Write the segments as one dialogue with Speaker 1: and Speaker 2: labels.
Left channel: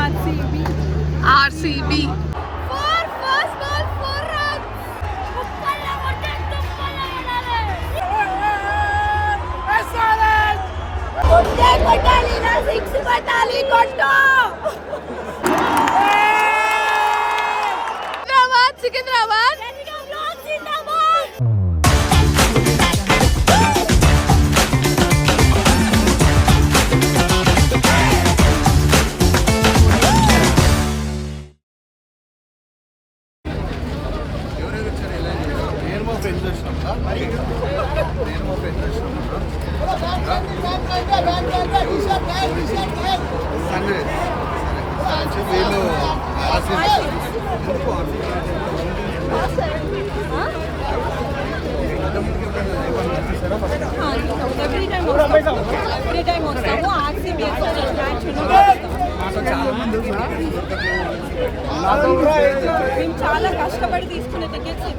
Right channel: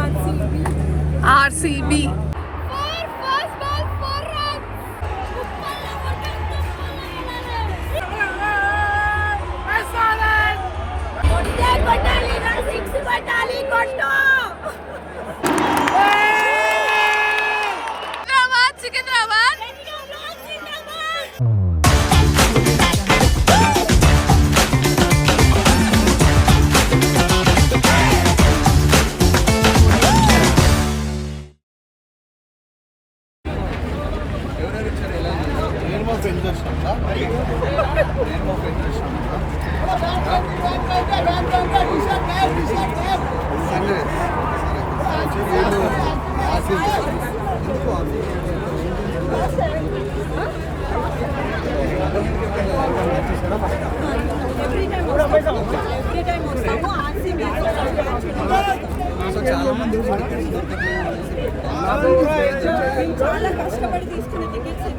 Speaker 1: RCB
Speaker 2: కొట్టాలి చాలా కష్టపడి తీసుకునే టికెట్స్ ఇవి మ్యాచ్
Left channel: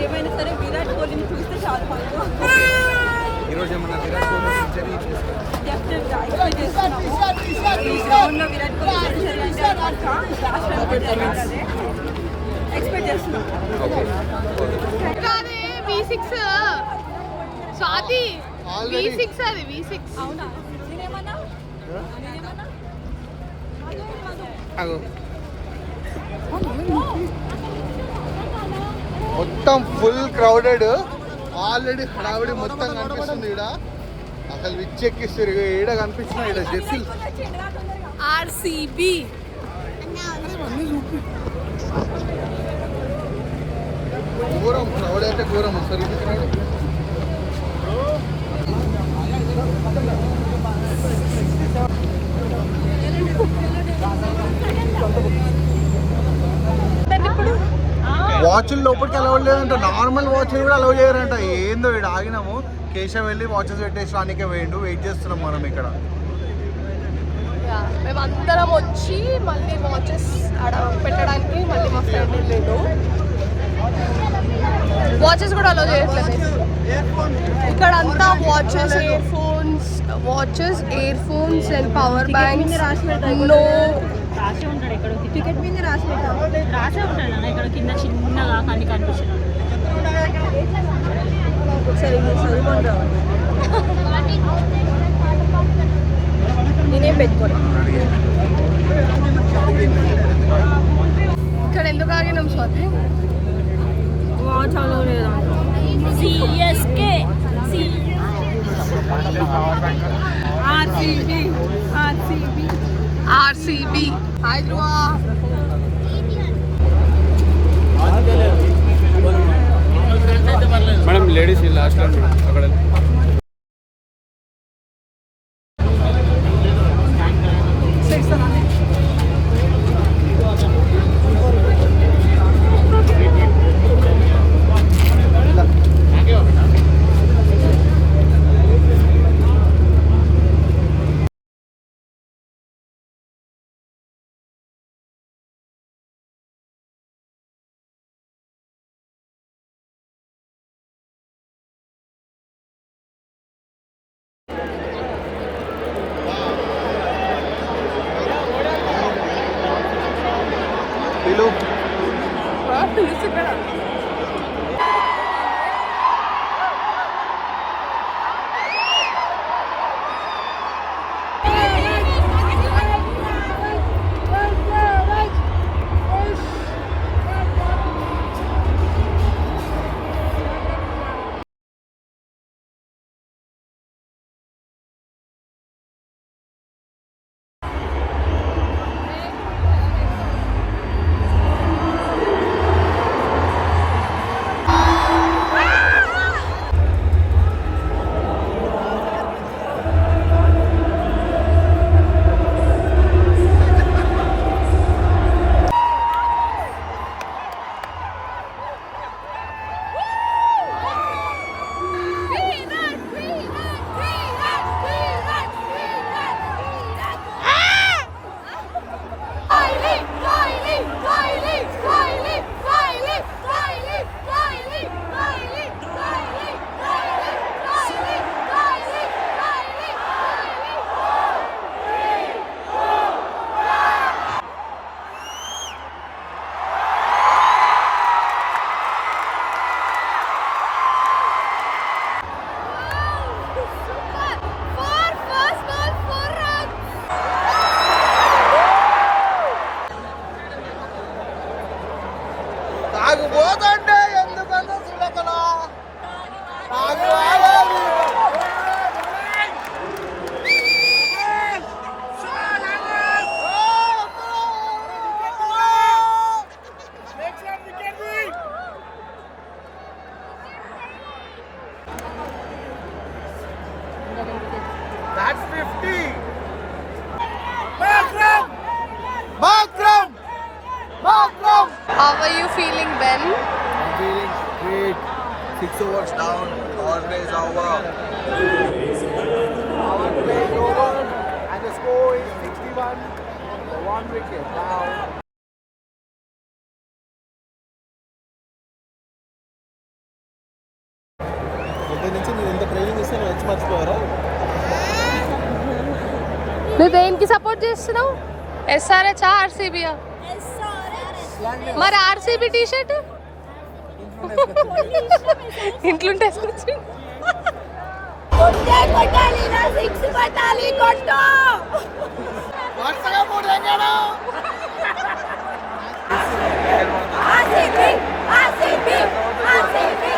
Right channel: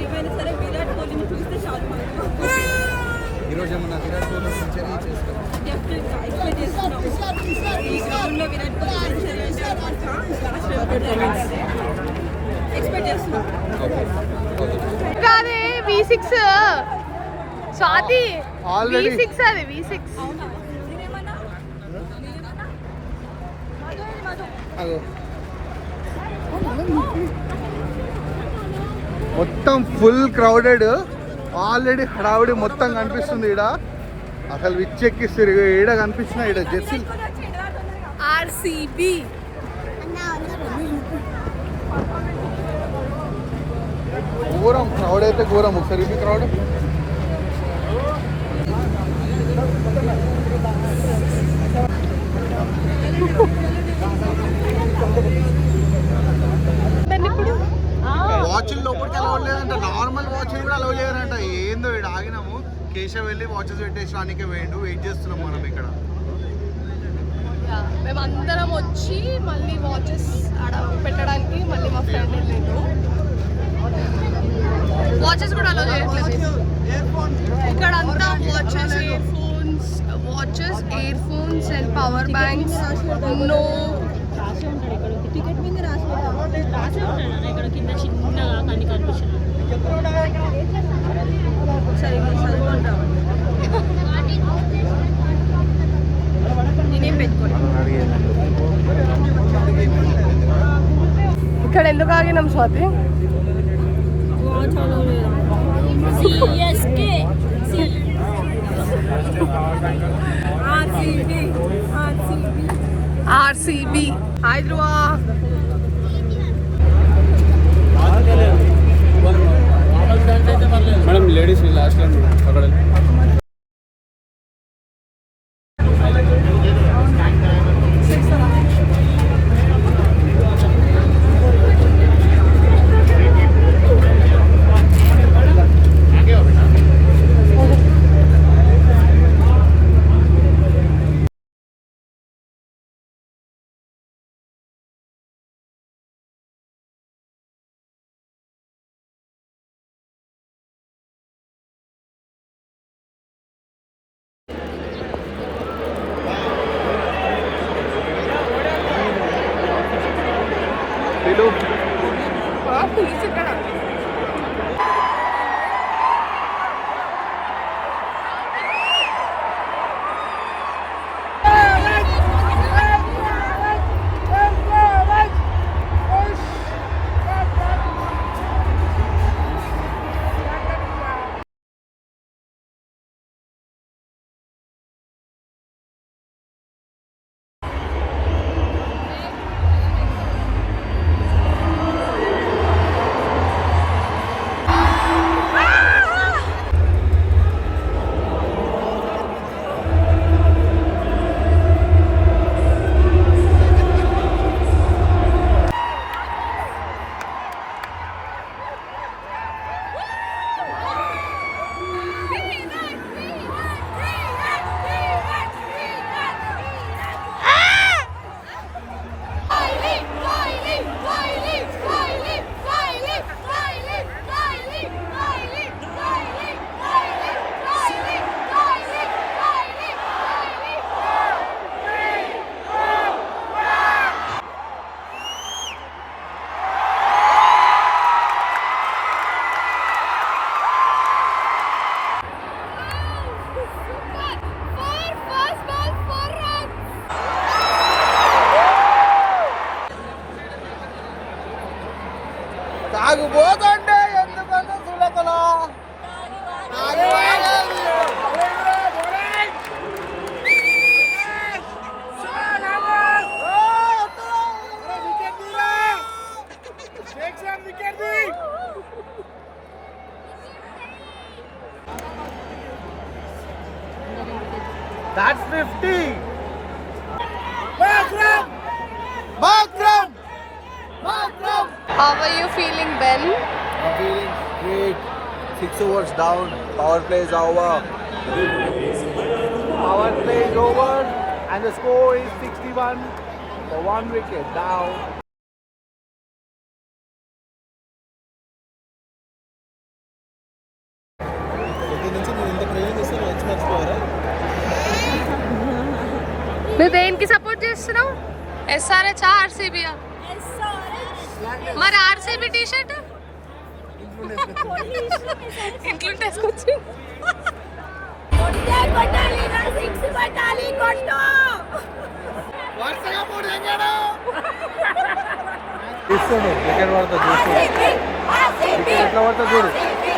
Speaker 2: ఏమైనా సరే విరాట్ కోహ్లీని చూస్తే చాలు మాకు
Speaker 3: ఈరోజు ఏమన్నా విరాట్ కోహ్లీ సెంచరీ చేస్తాను
Speaker 2: డెఫినెట్గా ఎక్స్పెక్ట్ చేస్తున్నాము. ఈ గ్రౌండ్లో విరాట్ కోహ్లీ సెంచరీ అంటే పక్క లాస్ట్ టైం ఎక్స్పెక్ట్ చేస్తున్నాం.
Speaker 1: కాదే V six Swathi
Speaker 3: V.
Speaker 1: Six అది వి సిక్స్
Speaker 2: అవునా? నేనేమన్నా నేనేమన్నా మధు మధు
Speaker 3: అగో మొత్తం ఫుల్ క్రౌడెడ్. ఆల్రెడీ హడావిడి మొత్తం కనిపిస్తుంది ఈడ. అసలు విచ్చెక్కిస్తారు ఈడ కనిపిస్తుంది ఈడ జెర్సీలు
Speaker 1: ఆర్సీబీ.
Speaker 3: ఘోరం క్రౌడ్ అయితే ఘోరం. ఒకసారి ఇది క్రౌడ్. వాచ్లు లోపలికి అలౌ లేదంట. నార్మల్ వాచ్లు కూడా అలౌ చేయరంట. ఏందో ఇక్కడ ఆగినాము. కేశవ్ వెళ్ళి వాచెస్ పెట్టేసడానికే వేయండు వెయిట్ చేస్తున్నాం మనం ఇక్కడ.
Speaker 1: మేము అందరం వచ్చి మళ్ళీ వాచెస్ ఆడ పెట్టడానికి మళ్ళీ మా ఫ్రెండ్ వెళ్ళాడు. వాచెస్ కూడా అలో చేయట్లేదు. ఇక్కడ అంతా watches earphones watches earphones and power banks no
Speaker 2: ticket మీద రాసి సరే ఇది చదువుకొని రావాలి. నేనేం పెట్టుకోను
Speaker 1: ఇక్కడ ఎందుకు ఆగినాం స్వాతి?
Speaker 2: చదవలేదు. CSK.
Speaker 1: RCB. RCB. RCB.
Speaker 4: Hi madam ladies last అక్కడ
Speaker 1: How are you feeling, Ben?
Speaker 3: I'm feeling great. Six overs down. Power play is over. Power play is over. And the score is 61 for one wicket down.
Speaker 4: దీని నుంచి నేను ఇంత training ఇస్తే
Speaker 1: దేనికి support చేస్తున్నావు ఎస్ఆర్హెచ్ ఆర్సీబీ మరి RCB T shirt ఇంట్లో వేసుకొచ్చి అయ్యే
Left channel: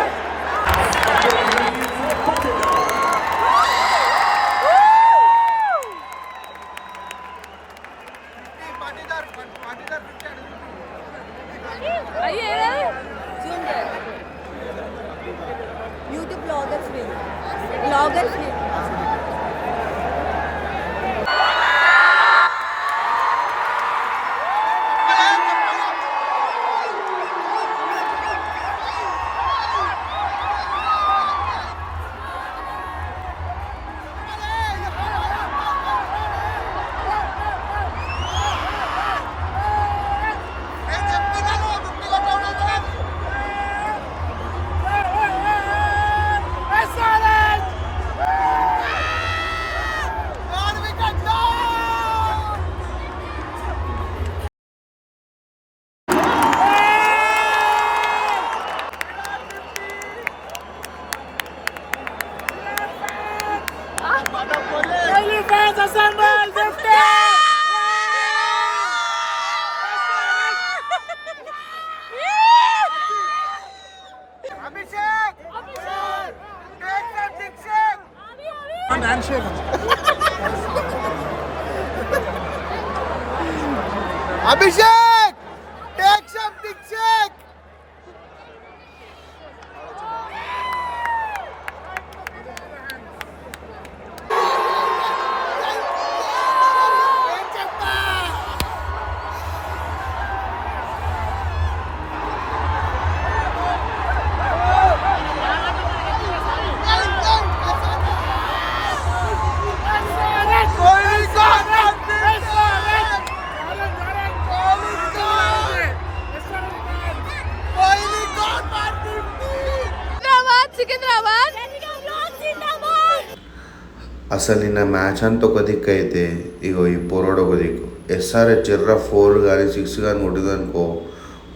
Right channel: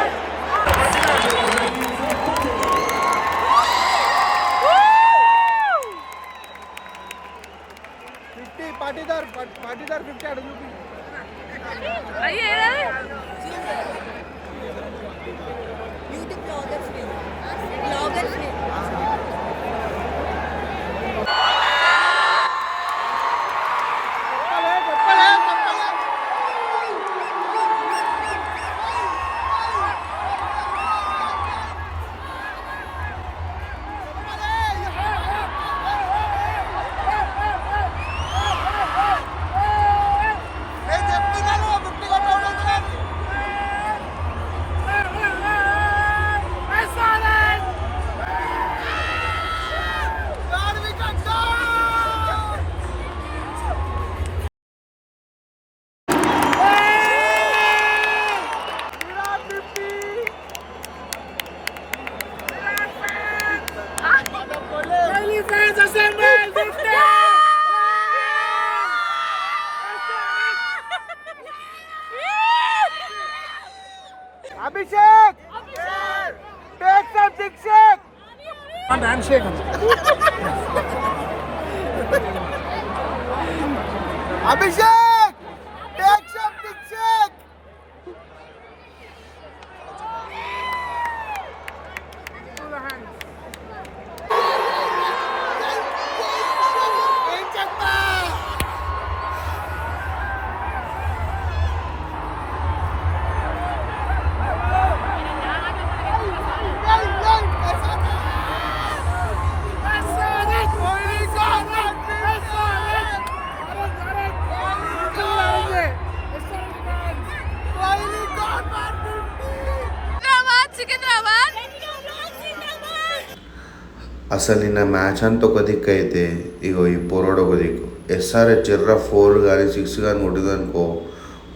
Speaker 5: అసలు నిన్న మ్యాచ్ అంతా ఒక దిక్కు అయితే ఇగో ఈ పొరడు ఒక దిక్కు. ఎస్ఆర్హెచ్ ఎర్ర ఫోర్ కానీ సిక్స్ కానీ కొట్టిందనుకో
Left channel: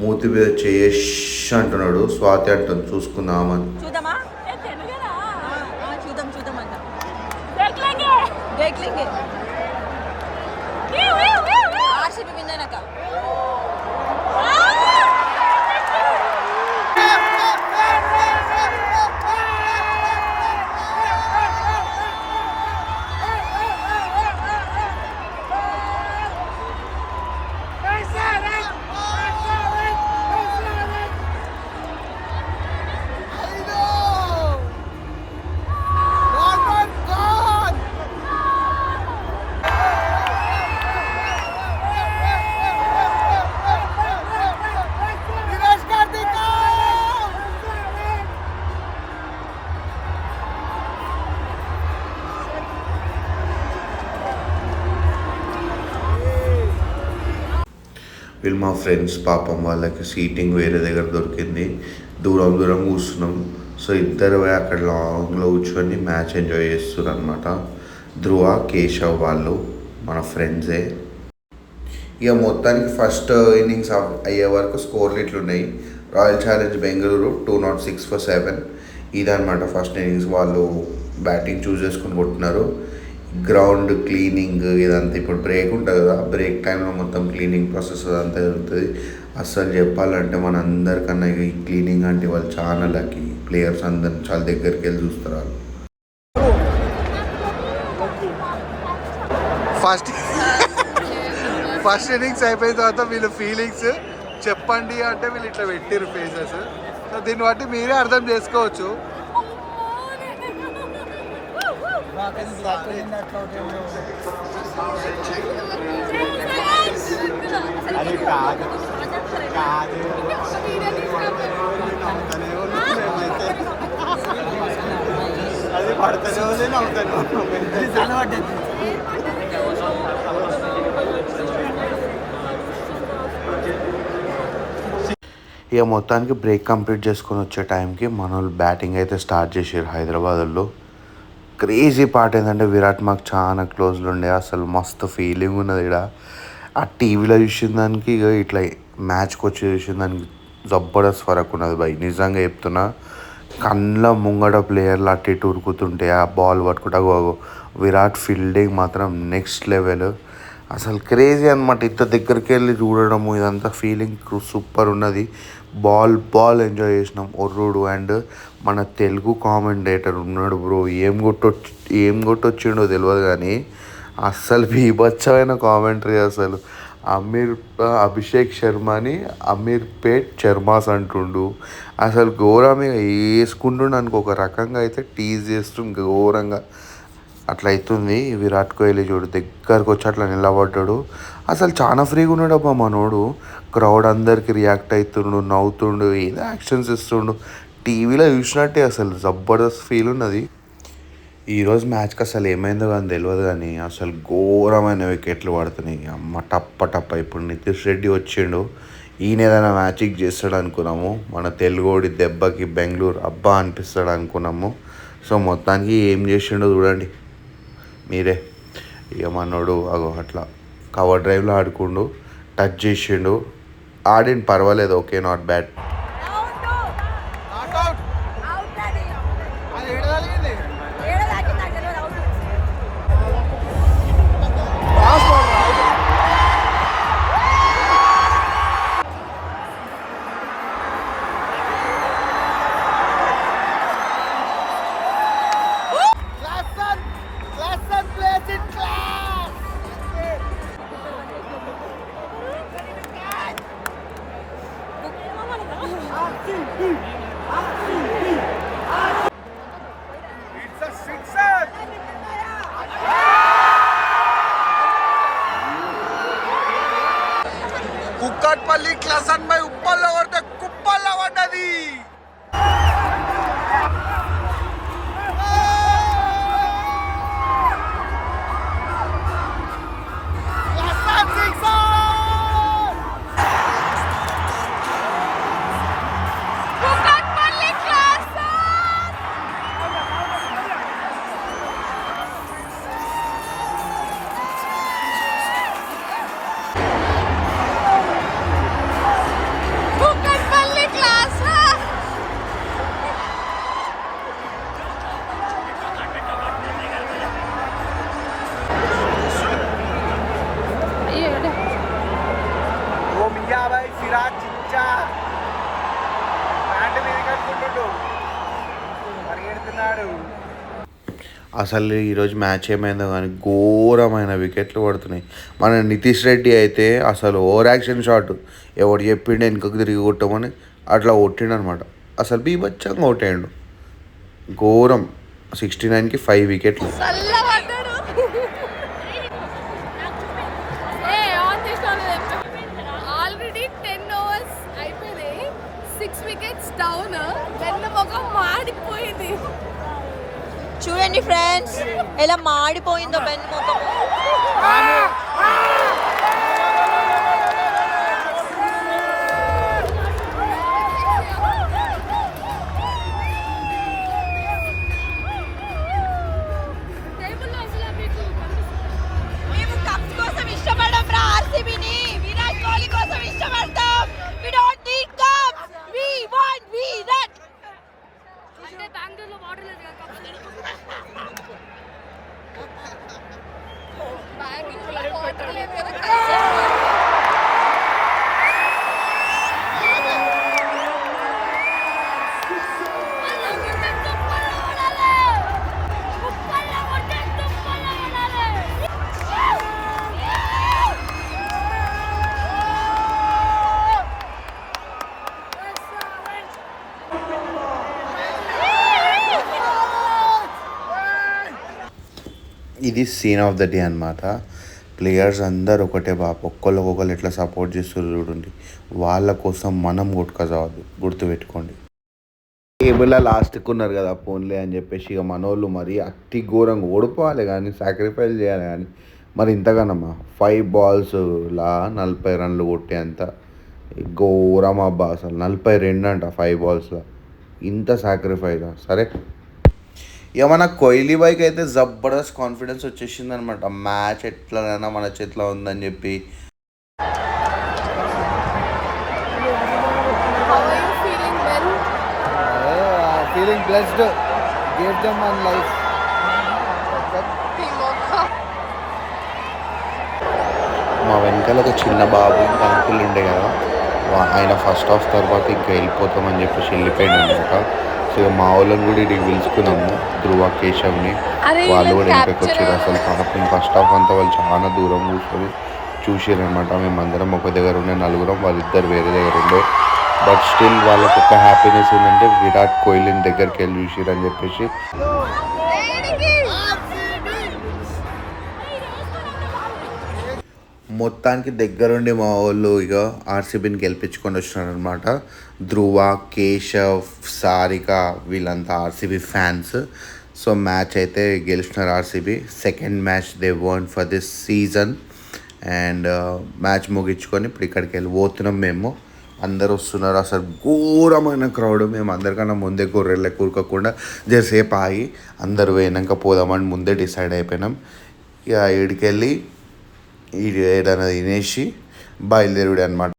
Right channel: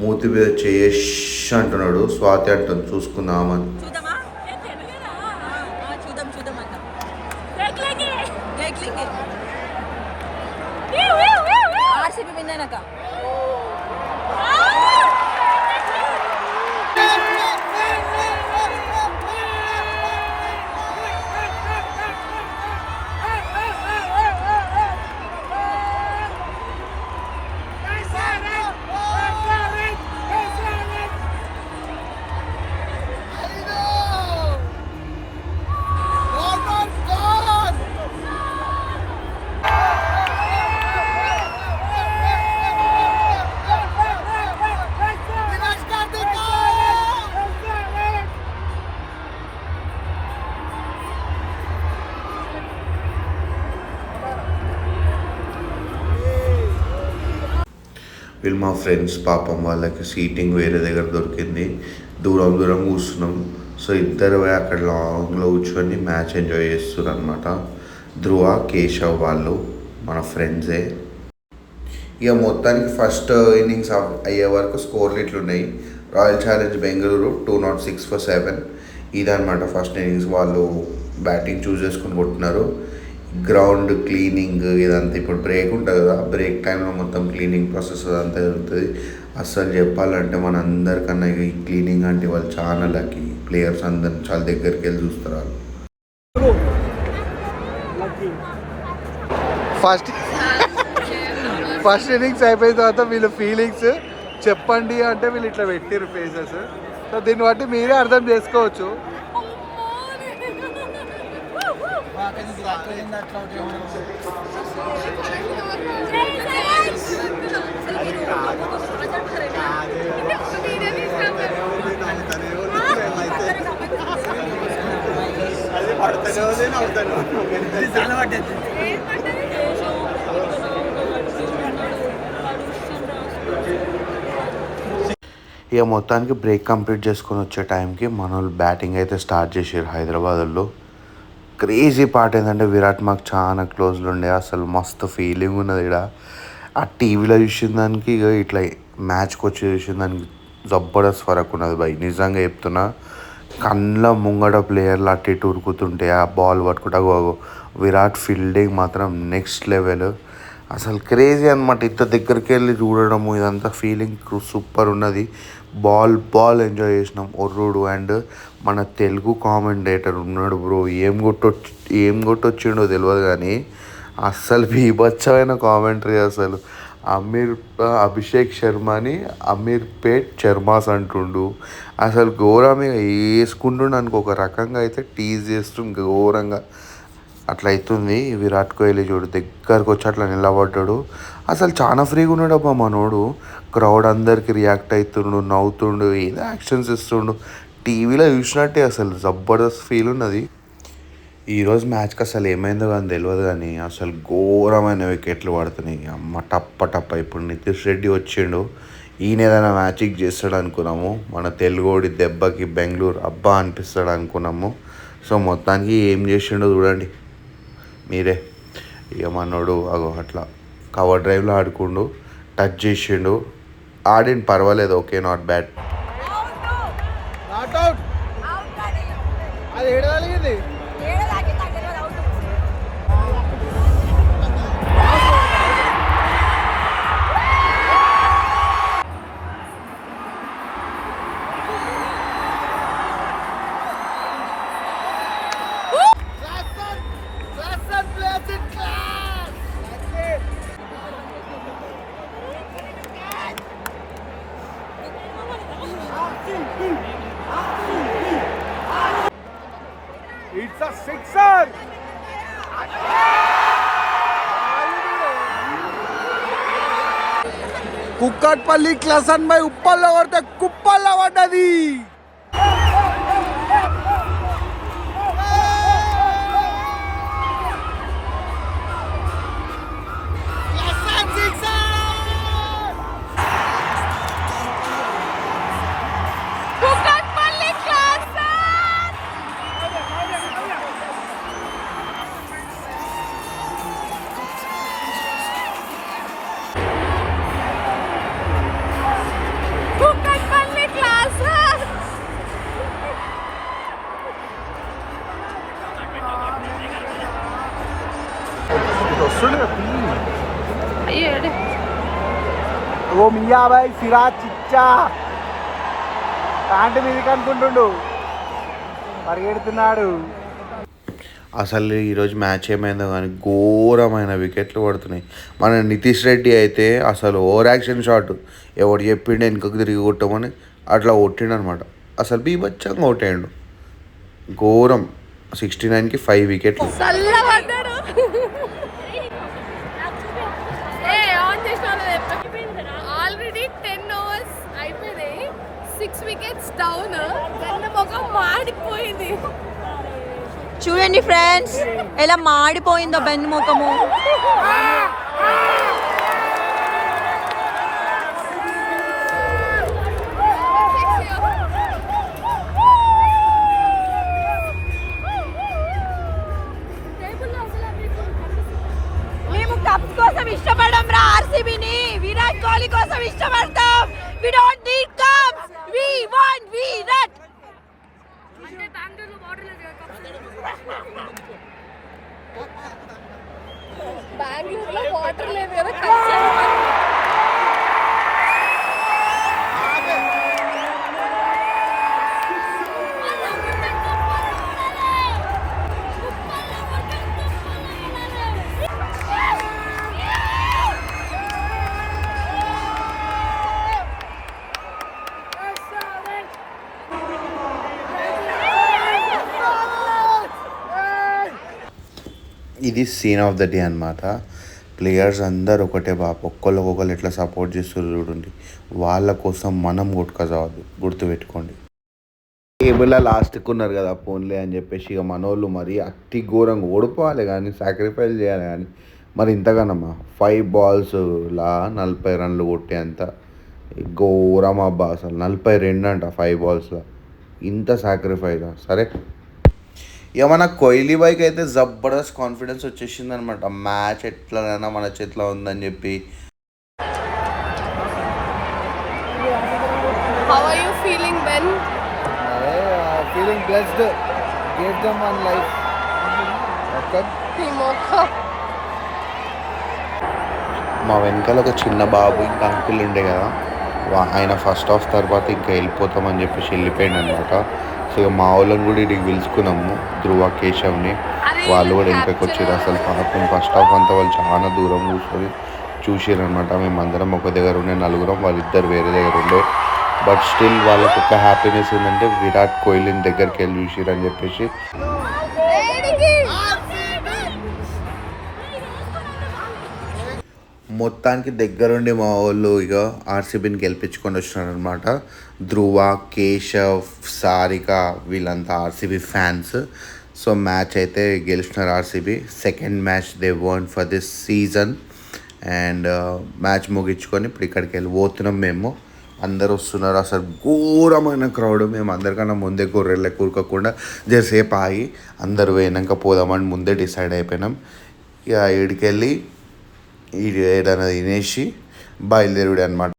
Speaker 5: మూతి మీద చేయేష్ అంటున్నాడు స్వాతి అంటుంది చూసుకుందామని మా ఫ్రెండ్స్ పాపం వాళ్ళకి సీటింగ్ వేరే దగ్గర దొరికింది. దూరం దూరం కూర్చున్నాం. సో ఇద్దరు అక్కడ లాంగ్లో కూర్చొని మ్యాచ్ ఎంజాయ్ చేస్తున్నారు అనమాట ధ్రువ కేశవ్ వాళ్ళు మన ఫ్రెండ్సే ఇక మొత్తానికి ఫస్ట్ ఇన్నింగ్స్ అయ్యే వరకు స్కోర్లు ఇట్లున్నాయి. Royal challenge Bengaluru two not six for seven ఇదనమాట ఫస్ట్ ఇన్నింగ్స్ వాళ్ళు బ్యాటింగ్ చూస్ చేసుకొని కొట్టినారు. గ్రౌండ్ క్లీనింగ్ ఇదంతా ఇప్పుడు బ్రేక్ ఉంటుంది కదా బ్రేక్ టైంలో మొత్తం క్లీనింగ్ ప్రాసెస్ అదంతా జరుగుతుంది. అస్సలు చెప్పాలంటే మన అందరికన్నా ఈ క్లీనింగ్ అంటే వాళ్ళు చాలా లక్కీ ప్లేయర్స్ అందరు చాలా దగ్గరికి వెళ్ళి చూస్తారు వాళ్ళు.
Speaker 3: ఫస్ట్ ఫస్ట్ ఇన్నింగ్స్ అయిపోయిన తర్వాత వీళ్ళు ఫీలింగ్స్ చెప్పండి అంటే వీళ్ళు ఇట్లా పెట్టారు ఫేసెస్ సో దీన్ని బట్టి మీరే అర్థం చేసుకోవచ్చు.
Speaker 5: ఇక మొత్తానికి బ్రేక్ కంప్లీట్ చేసుకొని వచ్చే టైంకి మనోళ్ళు బ్యాటింగ్ అయితే స్టార్ట్ చేసారు హైదరాబాద్లో. క్రేజీ పార్ట్ ఏంటంటే విరాట్ మాకు చాలా క్లోజ్లో ఉండే అసలు మస్తు ఫీలింగ్ ఉన్నది ఇక్కడ ఆ టీవీలో చూసిన దానికి ఇక ఇట్లా మ్యాచ్కి వచ్చి చూసిన దానికి జబర్దస్త్ ఫరక్ ఉన్నది భయ్ నిజంగా చెప్తున్నా కళ్ళ ముంగడ ప్లేయర్లు అటు ఇటు ఉరుకుతుంటే ఆ బాల్ పట్టుకుంటా విరాట్ ఫీల్డింగ్ మాత్రం నెక్స్ట్ లెవెల్ అసలు క్రేజీ అనమాట ఇంత దగ్గరికి వెళ్ళి చూడడము ఇదంతా ఫీలింగ్ సూపర్ ఉన్నది. బాల్ బాల్ ఎంజాయ్ చేసినాం. ఒర్రుడు అండ్ మన తెలుగు కామెంటేటర్ ఉన్నాడు బ్రో. ఏం కొట్టొచ్చు ఏం కొట్టొచ్చిండో తెలియదు కానీ అస్సలు బీభత్సమైన కామెంటరీ అసలు. అమీర్ అభిషేక్ శర్మని అమీర్ పేట్ శర్మాస్ అంటుండు. అసలు ఘోరమే వేసుకుంటుండు అనుకో. ఒక రకంగా అయితే టీజ్ చేస్తుండు ఘోరంగా. అట్లా అవుతుంది విరాట్ కోహ్లీ చూడు దగ్గరకు వచ్చి అట్లా నిలబడ్డాడు. అసలు చాలా ఫ్రీగా ఉన్నాడు అబ్బా మనోడు. క్రౌడ్ అందరికి రియాక్ట్ అవుతుండు నవ్వుతుండు ఏదో యాక్షన్స్ ఇస్తుండు. టీవీలో చూసినట్టే అసలు జబర్దస్త్ ఫీల్ ఉన్నది. ఈరోజు మ్యాచ్కి అసలు ఏమైందో కానీ తెలియదు కానీ అసలు ఘోరమైన వికెట్లు పడుతున్నాయి. అమ్మ టప్ప టప్ప. ఇప్పుడు నితీష్ రెడ్డి వచ్చిండు. ఈయన ఏదైనా మ్యాచింగ్ చేస్తాడు అనుకున్నాము. మన తెలుగోడి దెబ్బకి బెంగళూరు అబ్బా అనిపిస్తాడు అనుకున్నాము. సో మొత్తానికి ఏం చేసిండో చూడండి. మీరే. ఇక మనోడు అగో అట్లా. కవర్ డ్రైవ్లో ఆడుకుండు టచ్ చేసిండు. ఆడిన పర్వాలేదు ఓకే నాట్ బ్యాడ్.
Speaker 4: కుక్కట్పల్లి క్లసన్ బై ఉప్పల్లో కొడితే కుప్పల్లో పడ్డది. ఓ మియాబాయ్ సిరాజ్ చిచ్చా. కాంటి మీదకి అనుకుంటుండు. పరిగెడుతున్నాడు.
Speaker 5: అసలు ఈరోజు మ్యాచ్ ఏమైందో కానీ ఘోరమైన వికెట్లు పడుతున్నాయి మన నితీష్ రెడ్డి అయితే అసలు ఓవర్ యాక్షన్ షాట్. ఎవడు చెప్పిండు వెనుకకు తిరిగి కొట్టమని అట్లా కొట్టిండు అనమాట అసలు బీభత్సంగా కొట్టాడు ఘోరం. సిక్స్టీ నైన్కి ఫైవ్ వికెట్లు.
Speaker 2: చూడండి ఫ్రెండ్స్ ఎలా మాడిపోయిందో వెన్నుముఖము
Speaker 1: టేబుల్లో
Speaker 2: కోసం ఇష్టపడం రా ఆర్సీబీని విరాట్ కోహ్లీ కోసం ఇష్టపడతాం.
Speaker 1: ബാങ്കിലുള്ള ക്വാർട്ടറിൽ
Speaker 5: ఇది సీన్ ఆఫ్ ద డే అనమాట ప్లేయర్స్ అందరు ఒకటే బాబు. ఒక్కొక్కరు ఎట్లా సపోర్ట్ చేస్తారు చూడండి. వాళ్ళ కోసం మనం కొట్టుకోవద్దు గుర్తుపెట్టుకోండి. టేబుల్లో లాస్ట్కి ఉన్నారు కదా ఫోన్లే అని చెప్పేసి ఇక మనోళ్ళు మరి అతి ఘోరంగా ఓడిపోవాలి కానీ సాక్రిఫైస్ చేయాలి కానీ. మరి ఇంతగానమ్మా ఫైవ్ బాల్స్ లా నలభై రన్లు కొట్టేంత ఘోరం అబ్బా అసలు. నలభై రెండు అంట ఫైవ్ బాల్స్లో ఇంత సాక్రిఫైస్ సరే. ఇక మన కోహ్లీ బైక్ అయితే జబర్దస్త్ కాన్ఫిడెన్స్ వచ్చేసింది అనమాట మ్యాచ్ ఎట్లనైనా మన చేతిలో ఉందని చెప్పి?
Speaker 4: ఫీలింగ్ బ్లెస్డ్ దమ్ వన్ లైఫ్.
Speaker 5: మా వెనకాల ఒక చిన్న బాబు ఇంకా అంకుల్ ఉండే కదా. ఆయన ఫస్ట్ హాఫ్ తర్వాత ఇంకా వెళ్ళిపోతామని చెప్పేసి వెళ్ళిపోయాడు అనమాట ఇక మా వాళ్ళని కూడా ఇక్కడికి పిలుచుకున్నాము. ధ్రువ కేశవ్ని. వాళ్ళు కూడా వెనకకి వచ్చారు. అసలు పాపం ఫస్ట్ హాఫ్ అంతా వాళ్ళు చాలా దూరం కూర్చొని చూసారు అనమాట మేమందరం ఒక దగ్గర ఉండే నలుగురం వాళ్ళిద్దరు వేరే దగ్గర ఉండే. బట్ స్టిల్ వాళ్ళకు ఒక హ్యాపీనెస్ ఏంటంటే విరాట్ కోహ్లీని దగ్గరికి వెళ్ళి చూసిరు అని చెప్పేసి. మొత్తానికి దగ్గరుండి మా వాళ్ళు ఇక ఆర్సీబీని గెలిపించుకొని వచ్చినారు అనమాట ధ్రువ కేశవ్ సారిక వీళ్ళంతా ఆర్సీబీ ఫ్యాన్స్. సో మ్యాచ్ అయితే గెలిచినారు RCB. Second match they won for this season and match ముగించుకొని ఇప్పుడు ఇక్కడికి వెళ్ళి పోతున్నాం మేము. అందరు వస్తున్నారు అసలు ఘోరమైన క్రౌడ్ మేము అందరికన్నా ముందే గొర్రెళ్ళ కూరుకోకుండా జరసేపు ఆగి అందరు పోయినాక పోదామని ముందే డిసైడ్ అయిపోయినాం. ఇక ఇడికెళ్ళి ఈ ఏడైనా తినేసి బయలుదేరుడే అనమాట